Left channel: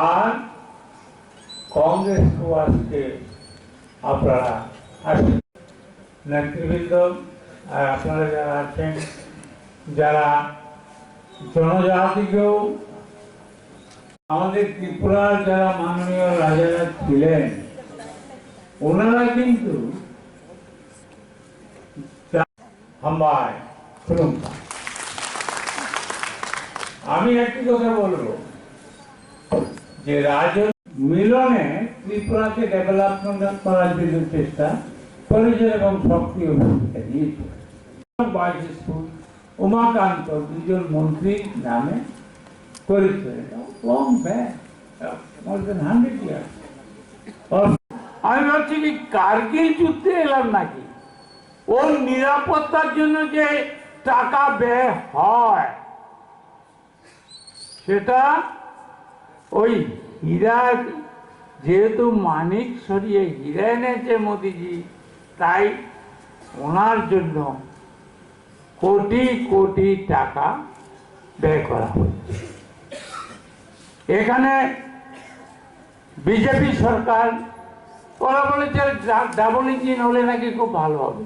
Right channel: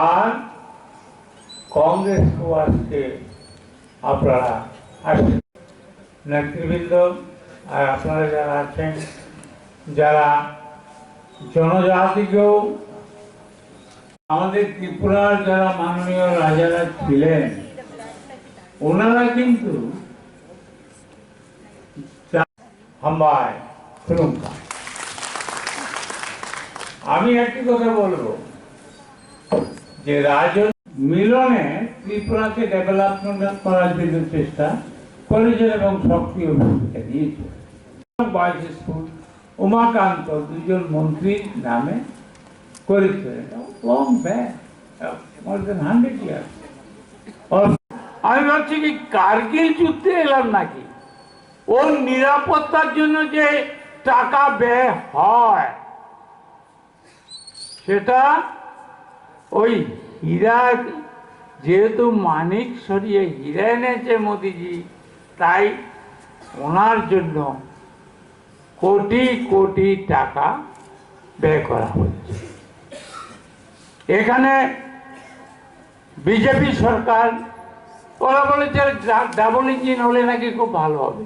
আর কংগ্রেস আজকে আপনারা নেতৃবৃন্দ আর আপনারা যারা আছেন, যারা জনজাতিকেও আমাদের ত্রিপুরার যারা মাননীয় রাজারা ছিলেন, ওনারা কিন্তু হাম্বায় শুনুন। আমি একটি কথা বলবো যে মিলনে ত্রিপুরাকে ডেভেলপমেন্ট করার জন্য চেষ্টা করেছেন এবং সক্রিয় ভূমিকা দিয়েছে। বয়েজ স্কুল উমাকান্ত দুজন মন্ত্রীর নামে করেছিলেন। আমি ভাবছি কি কার্গিল যুদ্ধে এলাম নাকি? ওর নিরাপত্তার জন্য যে টাকা ব্যয় হয় সেটা ওই হীরা, যেহেতু মানিক সরিয়ে হীরা এনেছে মোদিজি, তাই ওনার জন্য কোটি কোটি টাকা ব্যয় করা হচ্ছে। এখানে বিজেপি সরকার ওরা বলেছে ডাবল ইঞ্জিন হলে নাকি খুব ভালো হবে।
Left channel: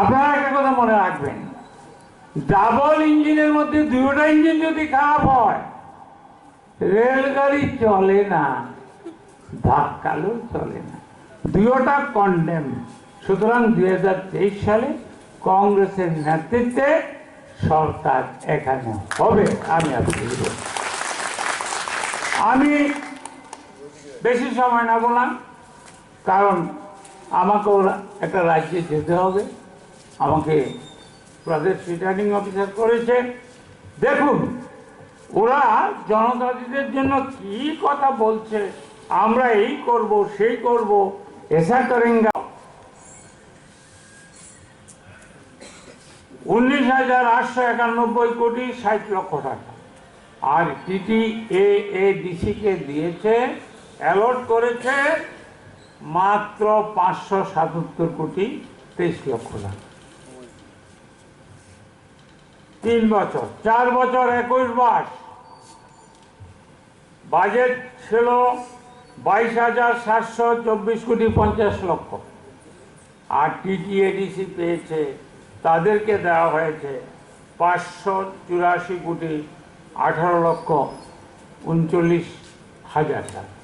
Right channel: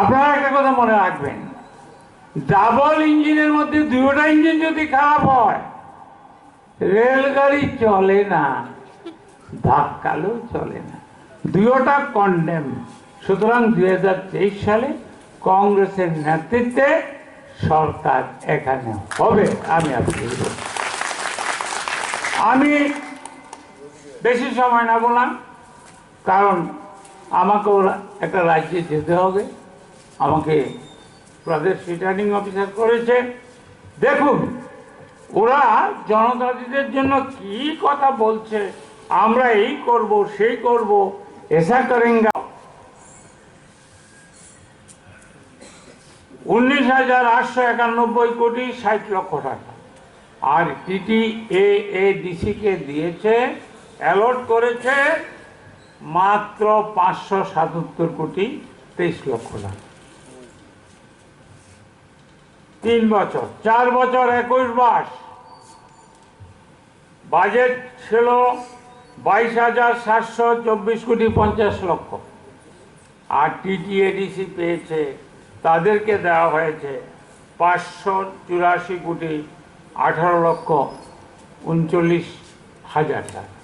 আপনারা একটা কথা মনে রাখবেন, ডাবল ইঞ্জিনের মধ্যে দুটো ইঞ্জিন যদি খারাপ হয় রেলগাড়ি চলে না, ধাক্কালেও চলে না, দুটোটা কন্ডেম। সুতরাং 2023 সালে কংগ্রেসের নেতৃত্বে সরকার এখানে হবে। আমি বেশি সময় না বললাম, কারণ আমাকে একটা রাজ্যে যেতে হবে, আমাকে প্রদেশ রিটার্নিং অফিসার করেছে। দেখুন ওরা জনজাতিদের জন্য কি কথা বলছে, আমরা এই করব সেই করব, এসা করেঙ্গা। 19,891 কোটি 60 লক্ষ টাকা, আর TTAADC কে দিয়েছে, অ্যালট করেছে মাত্র 577 কোটি 23 লক্ষ টাকা। 3 বছর, 4 বছর 21 মাস বাজেট ছিল 22,724 কোটি 50 লক্ষ। আর TTADC পেয়েছে, তাদেরকে দেওয়া হয়েছে 584 কোটি 18 লক্ষ 39 হাজার টাকা।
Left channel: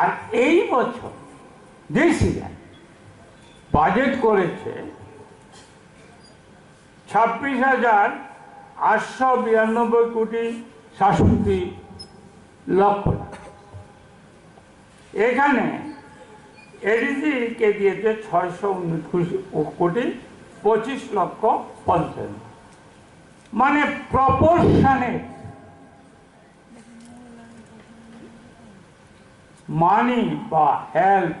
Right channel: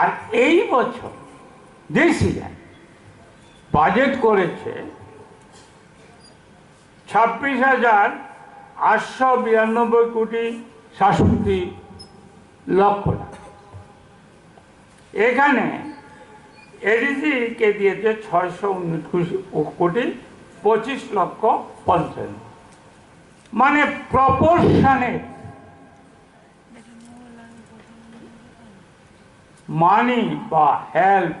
আর এই বছর ডিসিএন বাজেট করেছে 26,892 কোটি 67 লক্ষ টাকা। এখানে এডিসি কে দিয়েছে 619 কোটি 25 লক্ষ 50, মানে প্রপোর্শনে মানি বা হেল্প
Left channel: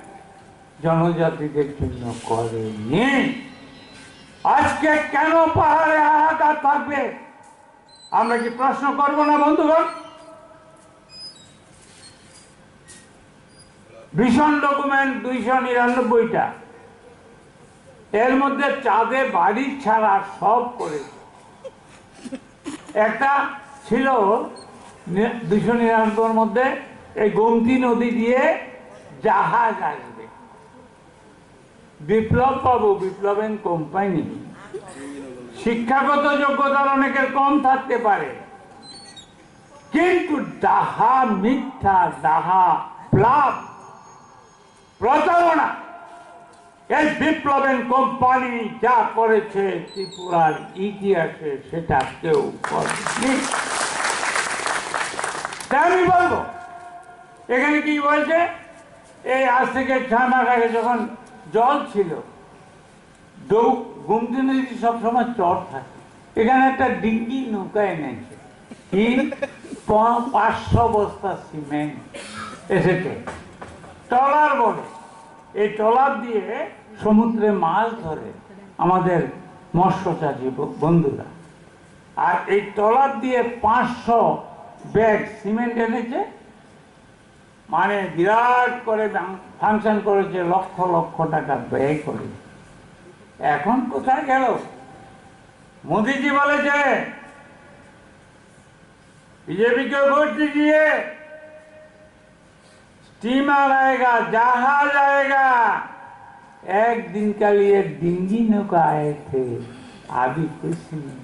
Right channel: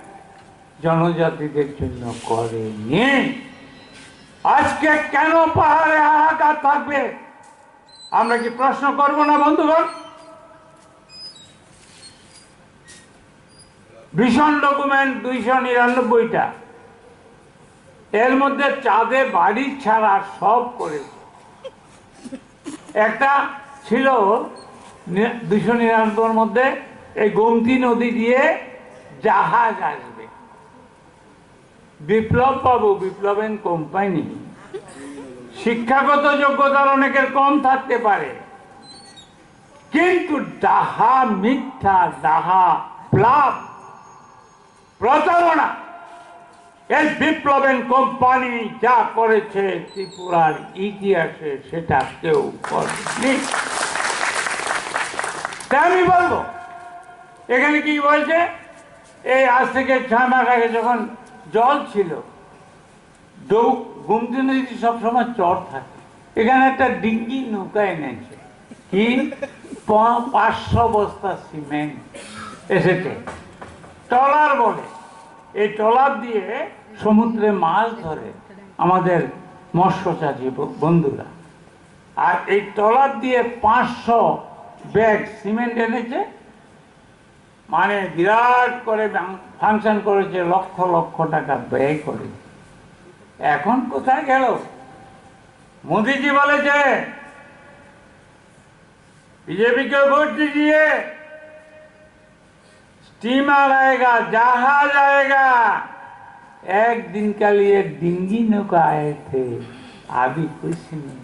জনজাতিদের জন্য করেনি। আজকে কেন পাহাড়ে হাহাকার থাকবে? আমরা কি প্রশ্ন করব না বন্ধুগণ? ভীষণ ডকুমেন্ট 299টা, এর মধ্যে চাঁদে বাড়ি ছাড়া সব করেছে। একটা ছিল 299 মধ্যে এই গোমতী নদী দিয়ে জাহাজ আসবে, বিপ্লব বাবু, বিপ্লব এন্ড কোম্পানি, শিক্ষাগত যোগ্যতার অনেকের কম থাকতে পারে, কিন্তু ডাহা মিথ্যা, ডাহা প্লাব, প্রতারণা, এই বিপ্লব এন্ড কোম্পানি যা করেছে ত্রিপুরার ইতিহাসে সেটা কেউ করেনি। তাই আমি বলবো, এখানে কি বলছে, এই আজ থেকে 6 মাস আগে যখন জল ছিল, গোমতী নদী সবসময় চর থাকে, এখানে একটা ডিঙ্গি নৌকা এনেছে, কি 500 বস্তা সিমেন্ট এসেছে, ট্রলার বলে। এই ট্রলার দিয়ে সমুদ্রে মাছ ধরে আমাদের মৎস্যচাষী বন্ধুরা, আর এই ট্রলার দিয়ে 500 ব্যাগ সিমেন্ট এনেছে, মানে বিরাট করে ফাংশন করেছে, লক্ষ লক্ষ টাকা ব্যয় করে। এখন কোথায় গেল? মোদীজি বলেছে बीजेपी को वोट दीजिए, स्टीमर आएगा, जहाज आएगा। एक दिन के लिए डिंगी नौका आए थे, अभी कुछ नहीं।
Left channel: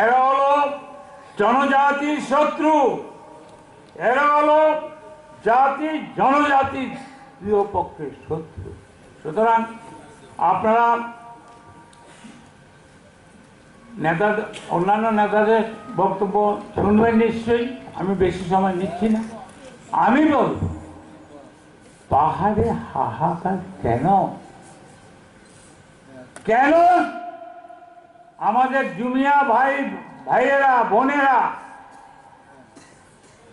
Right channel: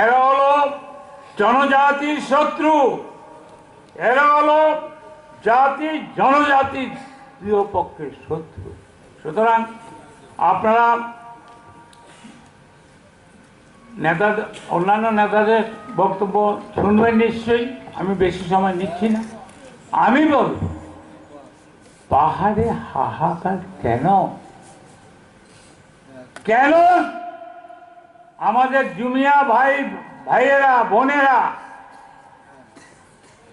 এরা হলো জনজাতির শত্রু, এরা হলো জাতি জনজাতির প্রিয় পক্ষের শত্রু। সুতরাং আপনারা নেতাদের, অন্যান্য নেতাদের বক্তব্য শুনবেন নিশ্চয়ই, আমি বেশি সময় নিচ্ছি না। আমি বলব, পাহাড়ে হাহাকার কেন? কেন আমাদের জুমিয়া ভাইয়েরা বোনেরা,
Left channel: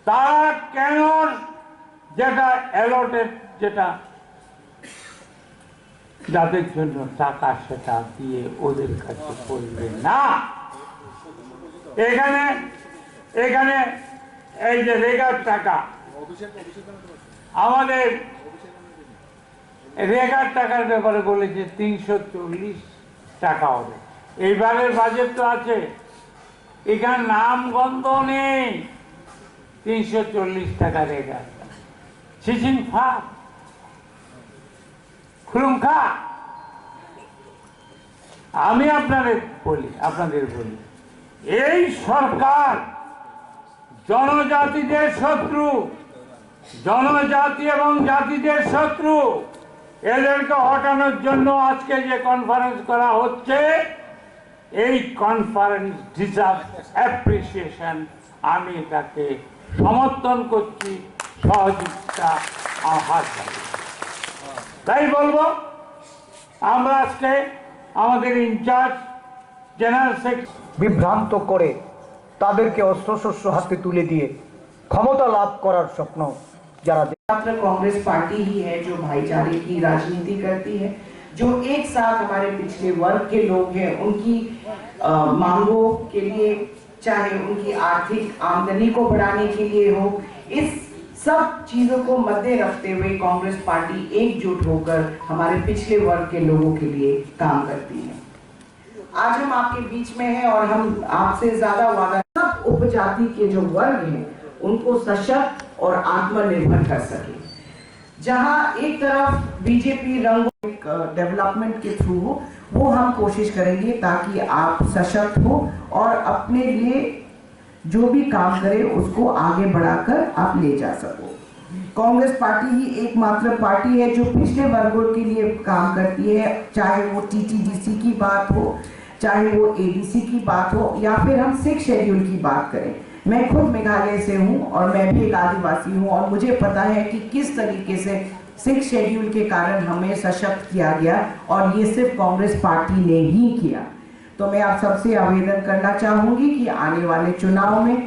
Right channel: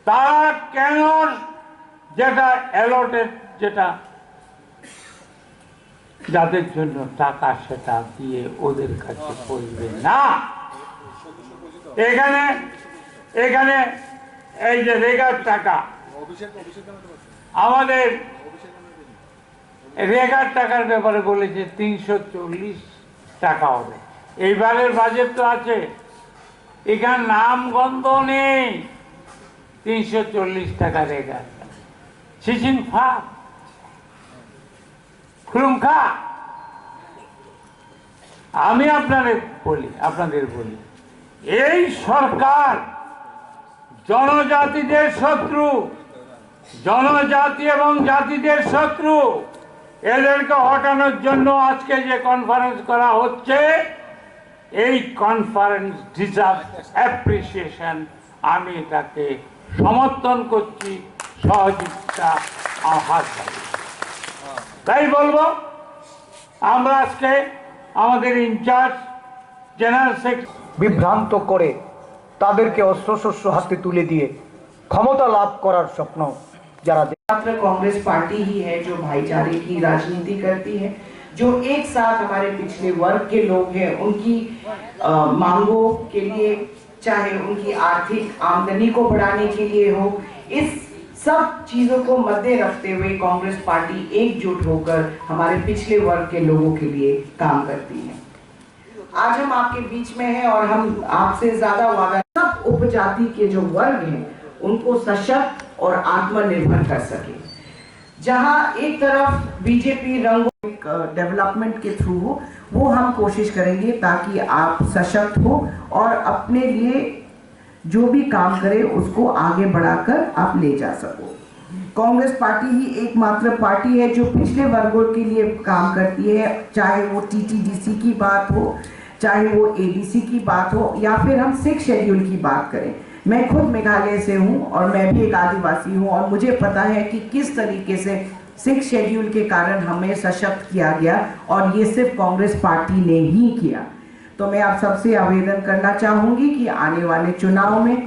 তারা কেন যেটা অ্যালটেড, যেটা যাদের জন্য টাকা, সেটা দিয়ে ওদের কাছে পড়বে না? এখানে এখানে এই যে রেগার টাকা, আমাদের রেগার টাকার ব্যাপারে বলেছে 340 টাকা হবে। এইবারের বাজেট তো আছে, এখানে নাম গন্ধ নেই 340 টাকা রেগার। সিচিং ফা খুলুমখা। আমি আপনাদের বলি, এই সরকার জনজাতিদের শত্রু, জনজাতি এবং জাতিদের শত্রু। এদেরকে হটানোর জন্য আজকে যে কনফারেন্স করা হচ্ছে, এই কনফারেন্স ডিজার্ভ অ্যাপ্রিসিয়েশন। আমি এটাকে সমর্থন করছি, সহযোগিতা হাত বাড়িয়ে। তাই বলবো, আমরা আজকে আমাদের ইনচার্জ জেনারেল সেক্রেটারি বিভ্রান্ত করে তাদেরকে অস্ত্রশস্ত্র হাতে তুলে দিয়ে ক্ষমতা লাভ করার স্বপ্ন যারা मात्र कांग्रेस पार्टी ही है जो भाईचारे की राजनीति करती है, जो एक साथ हमारे पिछले वर्ग के लोग हैं, उनकी मांगों के लिए, चाहे उनकी आर्थिक आमदनी को बढ़ाने के लिए हो, इस सब चीजों को मद्दे रखते हुए कांग्रेस पार्टी एकजुट होकर हमारे पिछले वर्ग के लोगों के लिए काम करती है। आज हम आपके बीच में हैं और हम आपसे ज्यादा वादा, सब उपजाति के जो वर्ग हैं उनको सशक्त और आत्मनिर्भर कर सके। जहां एक तरफ बीजेपी रंगों डेवलपमेंट के थ्रू हो, वो हम कोशिश करेंगे ताकि आप सशक्त हो और अपने लिए जो भी काम करे उसको आगे बढ़ाकर आप ले जा सको। कांग्रेस पार्टी ही एकमात्र पार्टी है जो पिछले वर्गों के लिए काम करती है, चाहे वो टीटीडीसी की बात हो, चाहे वो एडीसी की बात हो, या फिर हम 6 शेड्यूल की बात करें। मैं खुद मेघालय से हूँ और मैं भी एक आदिवासी हूँ, और मुझे पता है कि किस तरीके से 6 शेड्यूल के कारण हमें सशक्त किया गया, और ये सिर्फ कांग्रेस पार्टी ने ही किया। तो मैं आप सबसे आवेदन करना चाहूँगी कि आने वाले चुनाव में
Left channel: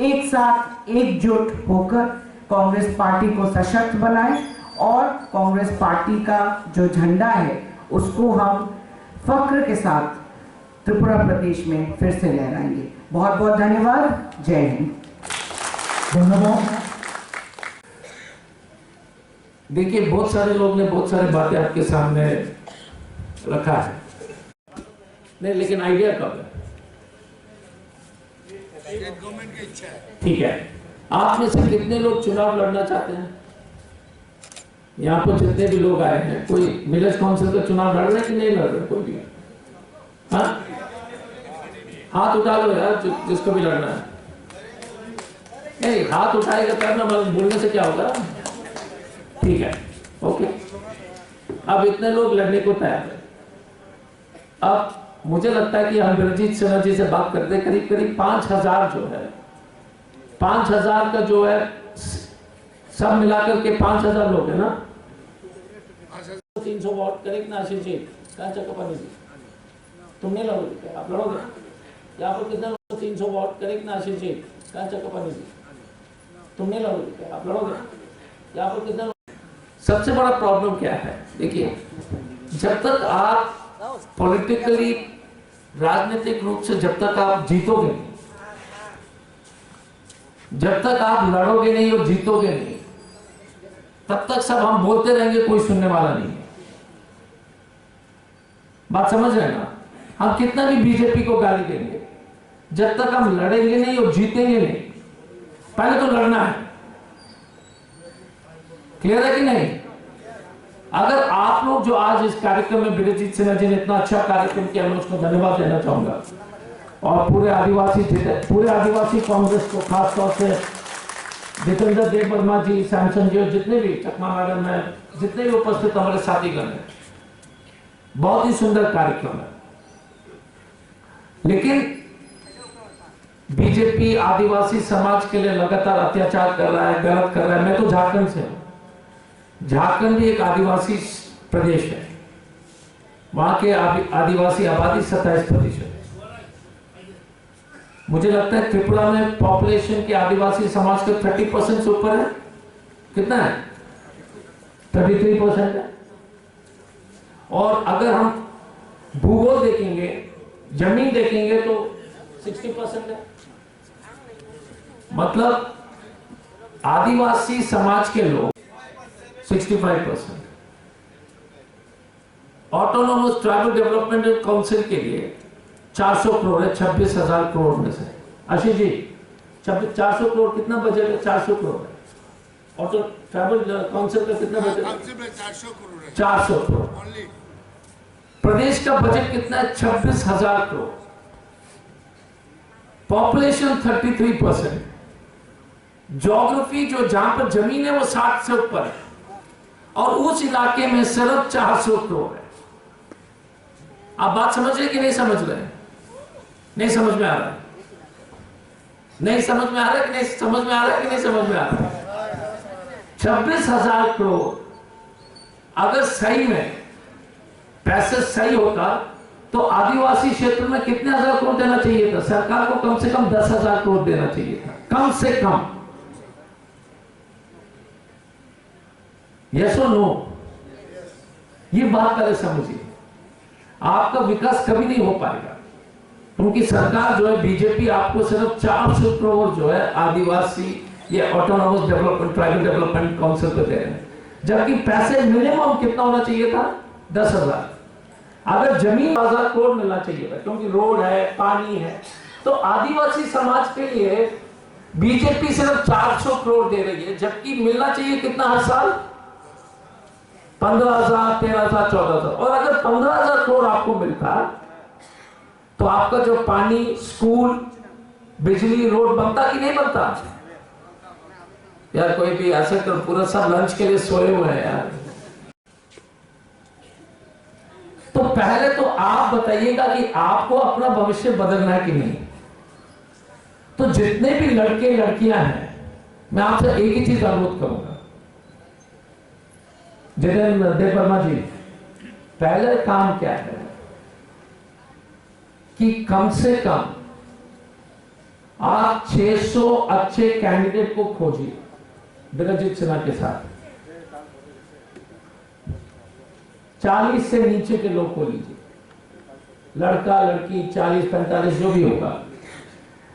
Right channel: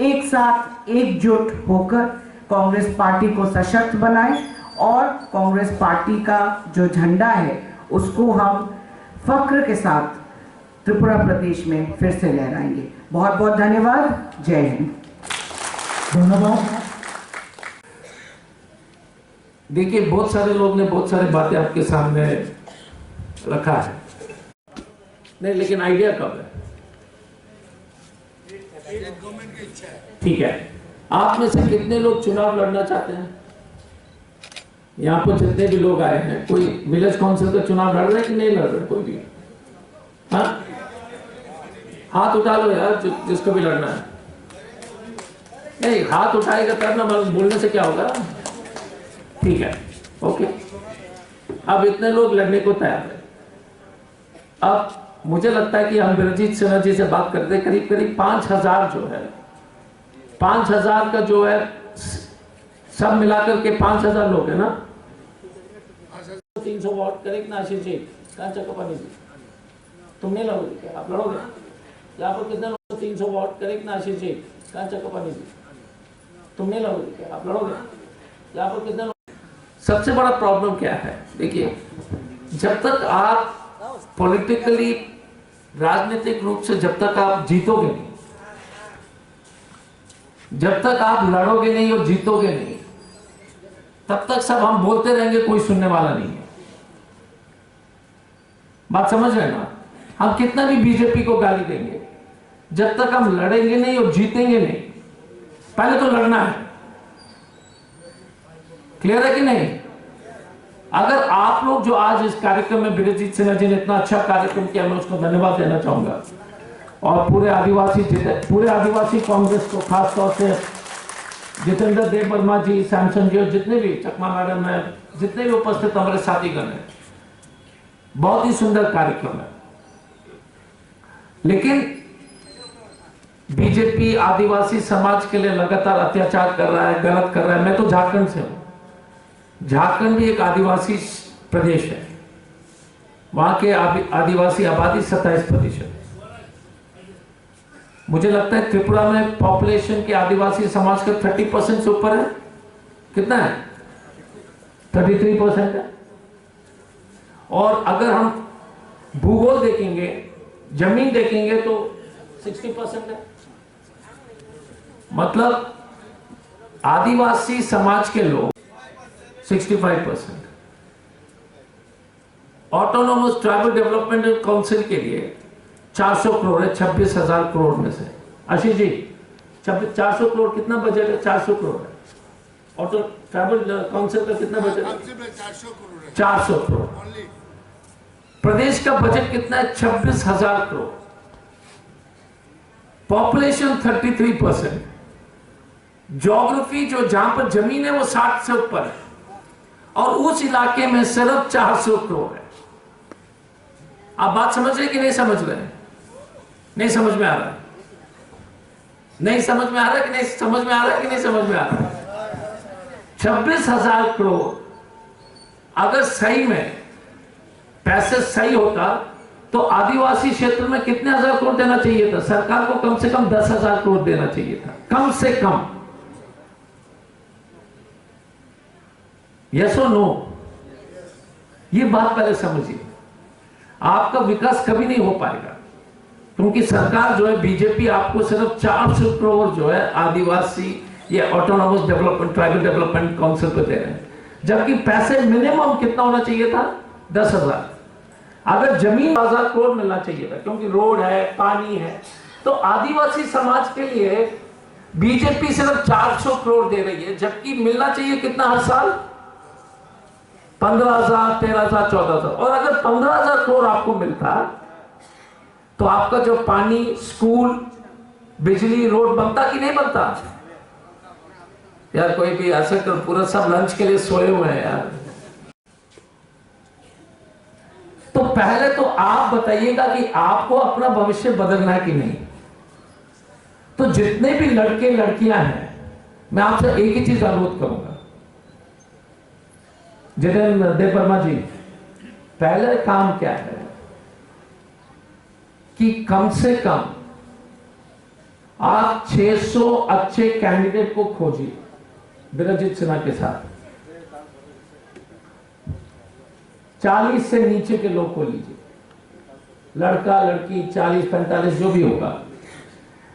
एक साथ एकजुट होकर कांग्रेस पार्टी को सशक्त बनाएं, और कांग्रेस पार्टी का जो झंडा है उसको हम फख्र के साथ त्रिपुरा प्रदेश में फिर से लहराएंगे। बहुत बहुत धन्यवाद। जय हिंद। ধন্যবাদ। देखिए, बहुत सारे लोग ने बहुत सारी बातें आपके सामने रखा है, नहीं लेकिन आइडिया कब है? गवर्नमेंट की इच्छा है। ठीक है, आप में से कितने लोग चुनाव लड़ना चाहते हैं? यहाँ पर जितने भी लोग आए हैं, कोई विलेज काउंसिल का चुनाव लड़ रहे हैं कि नहीं लड़ रहे? कोई भी? हाँ, हाथ उठा लो यार, जिसको भी लड़ना है। नहीं, हाथ उठाएगा तब ना, बोलने से क्या होगा? ठीक है, ओके। अब इतने लोग लड़ने को तैयार है। अब मुझे लगता है कि हम बिरजीत सिन्हा जी से बात करते हैं, करीब करीब 5,000 जो है, 5,000 का जो है, सब मिलाकर के 5,000 लोग है ना। 300 वोट करेक्ट ना आशीष जी? कहाँ चक्कर जी, तुम नहीं लड़ोगे क्या? आप लड़ोगे? यहाँ पर कितने लोग? 300 वोट करेक्ट ना आशीष जी? कहाँ चक्कर जी, तुम नहीं लड़ोगे क्या? आप लड़ोगे? यहाँ पर कितने लोग? सबसे बड़ा प्रॉब्लम क्या है? देखिए, जब तक आप पॉलिटिकली, राजनीतिक रूप से जब तक आप जीतोगे नहीं, जब तक आप लड़ोगे नहीं और जीतोगे नहीं, तब तक सब हम बोलते रहेंगे, कोई सुनने वाला नहीं है। बात समझ रहे हैं ना? हम कितना भी बीजेपी को गाली देंगे, जब तक हम लड़ेंगे नहीं और जीतेंगे नहीं। पहले तो लड़ना है, क्लियर है कि नहीं? अगर आप लोग जो आज इस कार्यक्रम में, बिरजीत सिन्हा जी ने इतना अच्छा कार्यक्रम किया, मैं उसको धन्यवाद देना चाहूंगा, और पूरे आदिवासी कांग्रेस को, खासतौर से जितेंद्र देव वर्मा जी, सैमसन जी और जितने भी, चकमा मैडम है, जितने भी उपस्थित हमारे साथीगण हैं, बहुत ही सुंदर कार्यक्रम है। लेकिन बीजेपी आदिवासी समाज के लिए लगातार अत्याचार कर रहा है, गलत कर रहा है। मैं तो झारखंड से हूं, झारखंड भी एक आदिवासी प्रदेश है, वहां के आदिवासी आबादी 27%। मुझे लगता है त्रिपुरा में पॉपुलेशन के आदिवासी समाज का 30% से ऊपर है। कितना है? 33% है। और अगर हम भूगोल देखेंगे, जमीन देखेंगे, तो 60% है। मतलब आदिवासी समाज के लोग 65%। ऑटोनोमस ट्राइबल डेवलपमेंट काउंसिल के लिए 400 करोड़ है 26,000 करोड़ में से। आशीष जी, 400 करोड़ कितना बजट है? 400 करोड़ है। ऑटो ट्राइबल काउंसिल का कितना बजट है? 400 करोड़ है। 400 करोड़। प्रदेश का बजट कितना है? 26,000 करोड़। पॉपुलेशन 33%। ज्योग्राफी, जो जहां पर जमीन है, वो 60 से ऊपर है, और उस इलाके में सिर्फ 400 करोड़ है। आप बात समझ रहे कि नहीं समझ रहे? नहीं समझ में आ रहा है? नहीं समझ में आ रहा है कि नहीं समझ में आ रहा है कि नहीं समझ में आ रहा है? 26,000 करोड़ अगर सही में पैसे सही होता, तो आदिवासी क्षेत्र में कितने हजार करोड़ देना चाहिए था? सरकार को कम से कम 10,000 करोड़ देना चाहिए था, कम से कम। यस और नो? ये बात पहले समझिए। आपका विकास कभी नहीं हो पाएगा, क्योंकि सरकार जो है, बीजेपी आपको सिर्फ 400 करोड़ जो है आदिवासी या autonomous development, tribal development council को दे रहे हैं, जबकि पैसे मिनिमम कितना होना चाहिए था? 10,000। अगर जमीन 1000 करोड़ मिलना चाहिए था, क्योंकि रोड है, पानी है। तो आदिवासी समाज के लिए बीजेपी सिर्फ 400 करोड़ दे रही है, जबकि मिलना चाहिए कितना हर साल? 15,000, 13,000, 14,000। और अगर 15,000 करोड़ आपको मिलता, तो आपका जो पानी, स्कूल, बिजली, रोड बनता कि नहीं बनता? यार कोई भी ऐसे कर, पूरा सब लंच के लिए सोए हुए हैं यार। तो पहले तो आप बताइएगा कि आपको अपना भविष्य बदलना है कि नहीं। तो जितने भी लड़के लड़कियां हैं, मैं आपसे एक ही चीज अनुरोध करूंगा, जितेंद्र देव वर्मा जी, पहले काम क्या है कि कम से कम आप 600 अच्छे कैंडिडेट को खोजिए बिरजीत सिन्हा के साथ। 40 से नीचे के लोग को लीजिए, लड़का लड़की 40-45 जो भी होगा।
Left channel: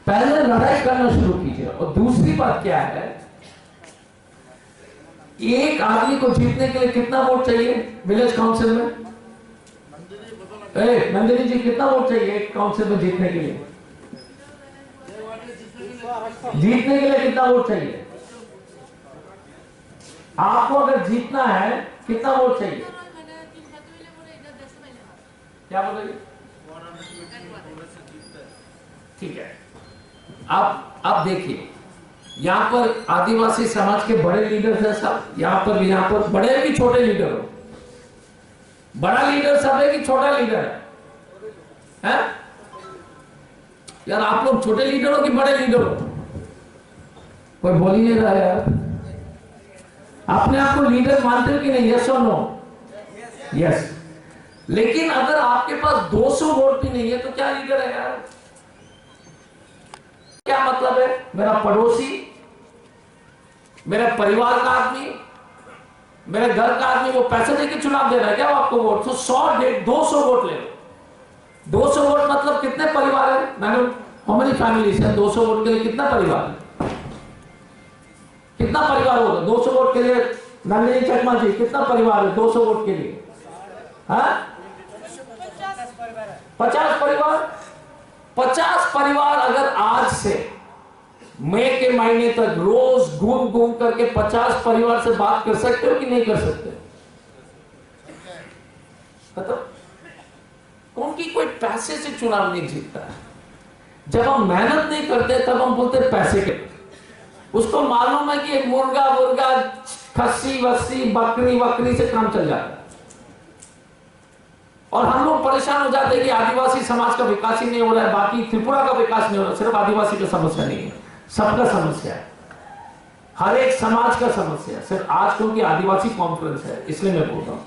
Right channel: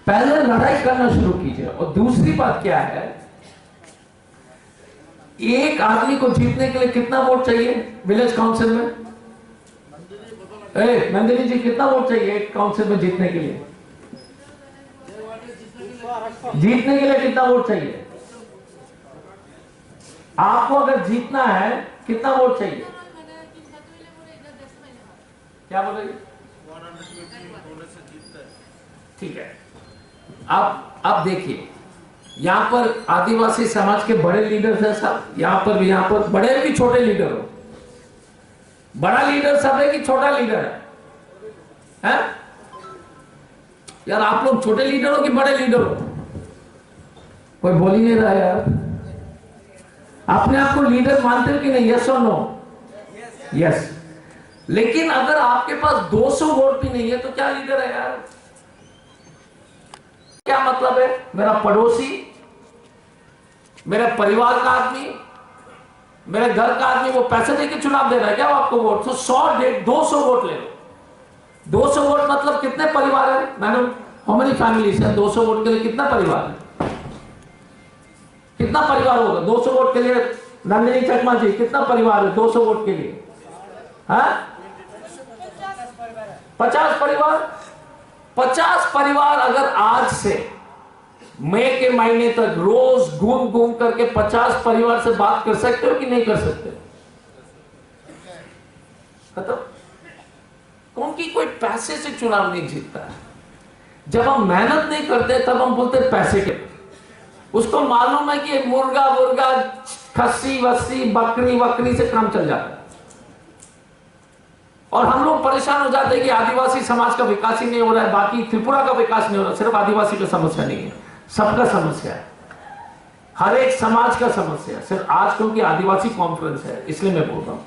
पहले लड़ाई करना शुरू कीजिए। और दूसरी बात क्या है, एक आदमी को जीतने के लिए कितना वोट चाहिए विलेज काउंसिल में? नंदिनी जी, कितना वोट चाहिए एक काउंसिल में जीतने के लिए? जीतने के लिए कितना वोट चाहिए? आपको अगर जीतना है कितना वोट चाहिए? क्या बोलेंगे? ठीक है। अब देखिए, यहां पर आदिवासी समाज के बड़े लीडर हैं सब, यहां पर बड़े भी छोटे लीडर हो। बड़ा लीडर सब है कि छोटा लीडर है? यार आप लोग छोटे लीडर हो कि बड़े लीडर हो? कोई बोल ही नहीं रहा यार। अपने आप को लीडर मानते हो कि नहीं? यस और नो? यस। लेकिन अगर आपके पास 200 वोट भी नहीं है तो क्या लीडर है यार? क्या मतलब है? मेरा पड़ोसी, मेरे परिवार का आदमी, मेरे घर का आदमी वो पैसे देके चुनाव दे रहा है क्या वो आपको वोट? तो 200 वोट ले लो। 200 वोट मतलब कितने परिवार है? मैंने हाउ मेनी फैमिलीज है? 200 वोट के लिए कितना परिवार है? कितना परिवार होगा 200 वोट के लिए? नंदिनी चकमा जी, कितना परिवार है 200 वोट के लिए? हाँ, 50 परिवार। 50 परिवार अगर आज से मई के महीने तक रोज घूम घूम करके 50 परिवार से बात कर सकते हो कि नहीं कर सकते? मतलब क्योंकि कोई पैसे से चुनाव नहीं जीतता है। जब हम मेहनत नहीं करते तब हम बोलते पैसे के। उसको मालूम है कि मुर्गा मुर्गा, खस्सी वस्सी, बकरी वकरी से काम चल जाता है। और हम लोग परेशान हो जाते हैं कि आदिवासी समाज का विकास ही नहीं हो रहा है, बाकी त्रिपुरा का विकास नहीं हो रहा। सिर्फ आदिवासी की समस्या नहीं है, सबका समस्या है, हर एक समाज का समस्या है। सिर्फ आज क्योंकि आदिवासी कॉन्फ्रेंस है इसलिए मैं बोल रहा हूं,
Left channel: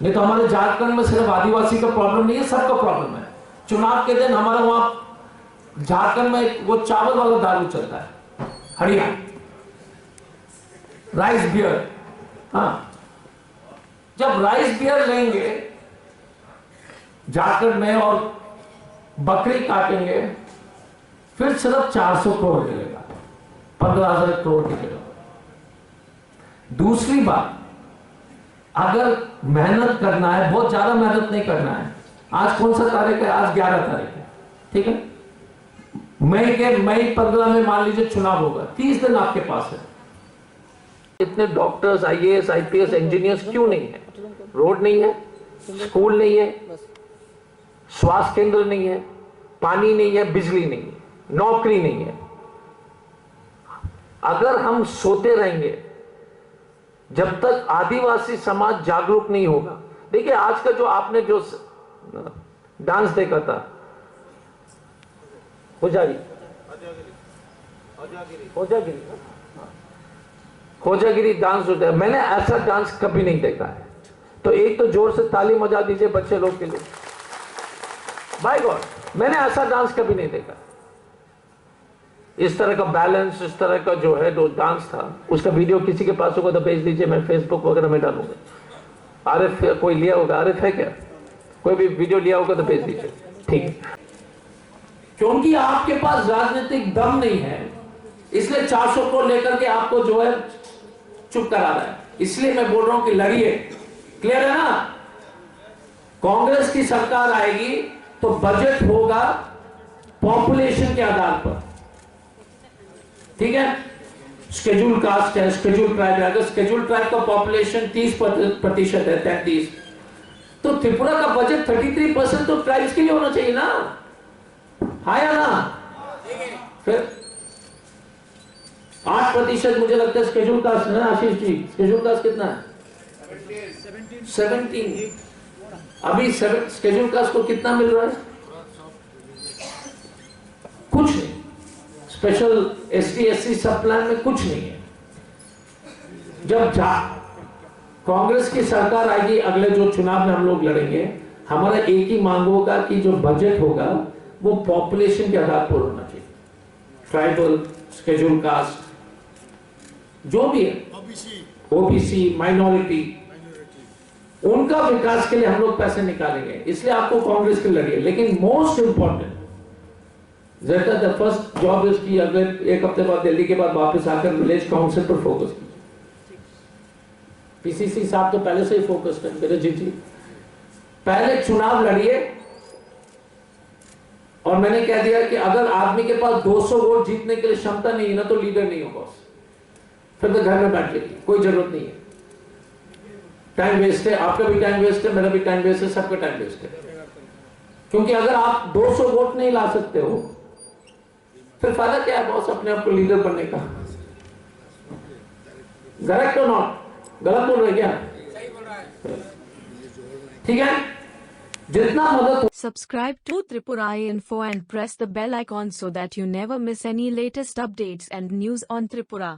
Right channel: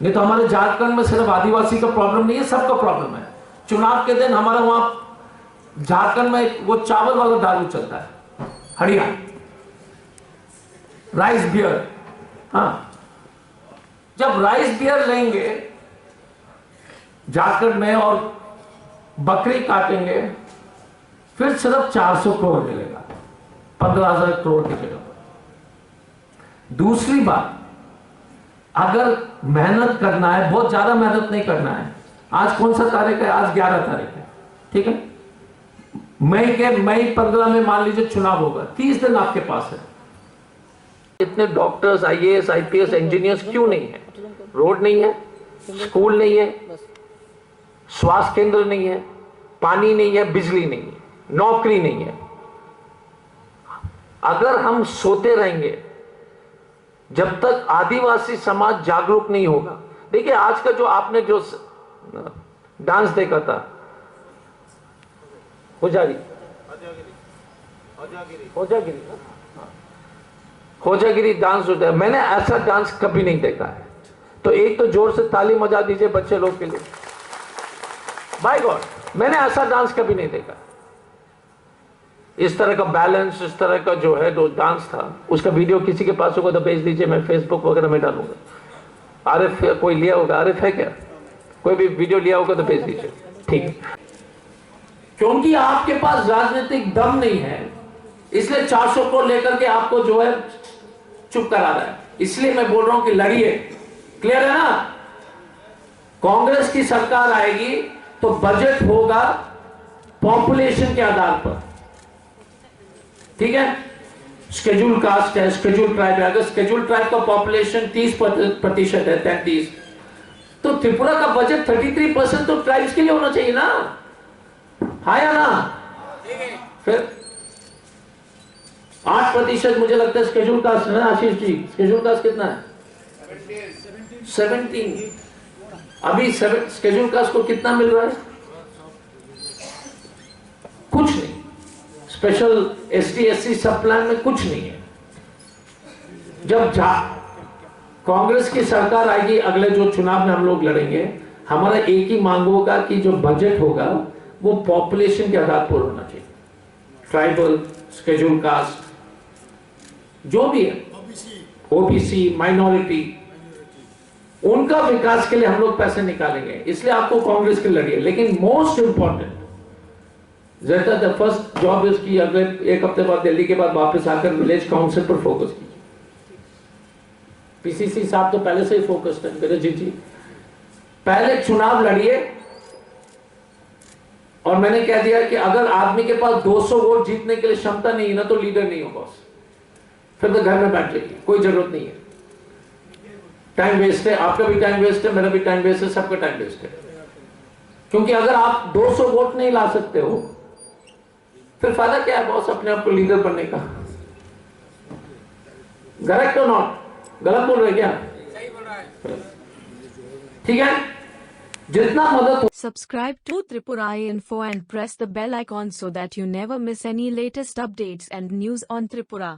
नहीं तो हमारे झारखंड में सिर्फ आदिवासी का प्रॉब्लम नहीं है, सबका प्रॉब्लम है। चुनाव के दिन हमारा वहां झारखंड में वो चावल वाला दारू चलता है, हरियाणा राइस बियर। हाँ, जब राइस बियर लेंगे झारखंड में और बकरी काटेंगे, फिर सिर्फ 400 करोड़ मिलेगा, 15,000 करोड़ की जगह पर। दूसरी बात, अगर मेहनत करना है, बहुत ज्यादा मेहनत नहीं करना है। आज कौन सा तारीख है? आज 11 तारीख है, ठीक है। मई 15 में मान लीजिए चुनाव होगा, 30 दिन आपके पास है। इतने डॉक्टर्स, IAS, IPS, इंजीनियर्स क्यों नहीं है? रोड नहीं है, स्कूल नहीं है, स्वास्थ्य केंद्र नहीं है, पानी नहीं है, बिजली नहीं है, नौकरी नहीं है। अगर हम सोते रहेंगे जब तक आदिवासी समाज जागरूक नहीं होगा। देखिए आज का जो आपने जो डांस देखा था, खोजागिरी डांस होता है, मैंने ऐसा डांस कभी नहीं देखा है। तो एक तो जोर से ताली बजा दीजिए बच्चे लोग के लिए। बाय गॉड, मैंने ऐसा डांस कभी नहीं देखा। इस तरह का बैलेंस, इस तरह का जो है जो डांस था, उसका वीडियो किसी के पास होगा तो भेज दीजिए, मैं फेसबुक वगैरह में डालूंगा। आरिफ कोई लिया होगा? आरिफ है क्या? कोई भी वीडियो लिया होगा तो भेज दीजिए, ठीक है। क्योंकि आपके पास राजनीतिक दम नहीं है, इसलिए 400 को लेकर के आपको जो है चुप करा रहा है। इसलिए मैं बोल रहा हूं कि लड़िए। क्लियर है ना? कांग्रेस की सरकार आएगी तो बजट होगा पॉपुलेशन के आधार पर, ठीक है। शेड्यूल कास्ट है, शेड्यूल ट्राइब है। अगर शेड्यूल ट्राइब का पॉपुलेशन 30% है, 33, तो त्रिपुरा का बजट 33% तो ट्राइब्स के लिए होना चाहिए ना, हाँ या ना? फिर 8% मुझे लगता है शेड्यूल कास्ट है ना आशीष जी? शेड्यूल कास्ट कितना है? 17। अभी शेड्यूल कास्ट को कितना मिल रहा है? कुछ नहीं। स्पेशल ST SC सब प्लान में कुछ नहीं है। जब कांग्रेस की सरकार आएगी, अगले जो चुनाव में हम लोग लड़ेंगे, हमारा एक ही मांग होगा कि जो बजट होगा वो पॉपुलेशन के आधार पर होना चाहिए। ट्राइबल, शेड्यूल कास्ट, जो भी है, OBC, माइनॉरिटी, उनका विकास के लिए हम लोग पैसे निकालेंगे। इसलिए आपको कांग्रेस के लड़िए। लेकिन most important, the first job is की अगले एक हफ्ते बाद दिल्ली के बाद वापस आकर विलेज काउंसिल पर फोकस कीजिए। पीसीसी साहब तो पहले से ही फोकस्ड है, बिरजीत जी पहले चुनाव लड़िए। और मैंने कह दिया कि अगर आदमी के पास 200 वोट जीतने के लिए क्षमता नहीं है ना, तो लीडर नहीं हो बॉस, फिर तो घर में बैठ जाइए, कोई जरूरत नहीं है। टाइम वेस्ट है, आपका भी टाइम वेस्ट है, मेरा भी टाइम वेस्ट है, सबका टाइम वेस्ट है। क्योंकि अगर आप 200 वोट नहीं ला सकते हो, फिर फायदा क्या है बॉस अपने आप को लीडर बनने का? करेक्ट और नॉट? गलत बोल रहे क्या? ठीक है, जितना मदद। Subscribe to Tripura Info and press the bell icon so that you never miss any latest updates and news on Tripura.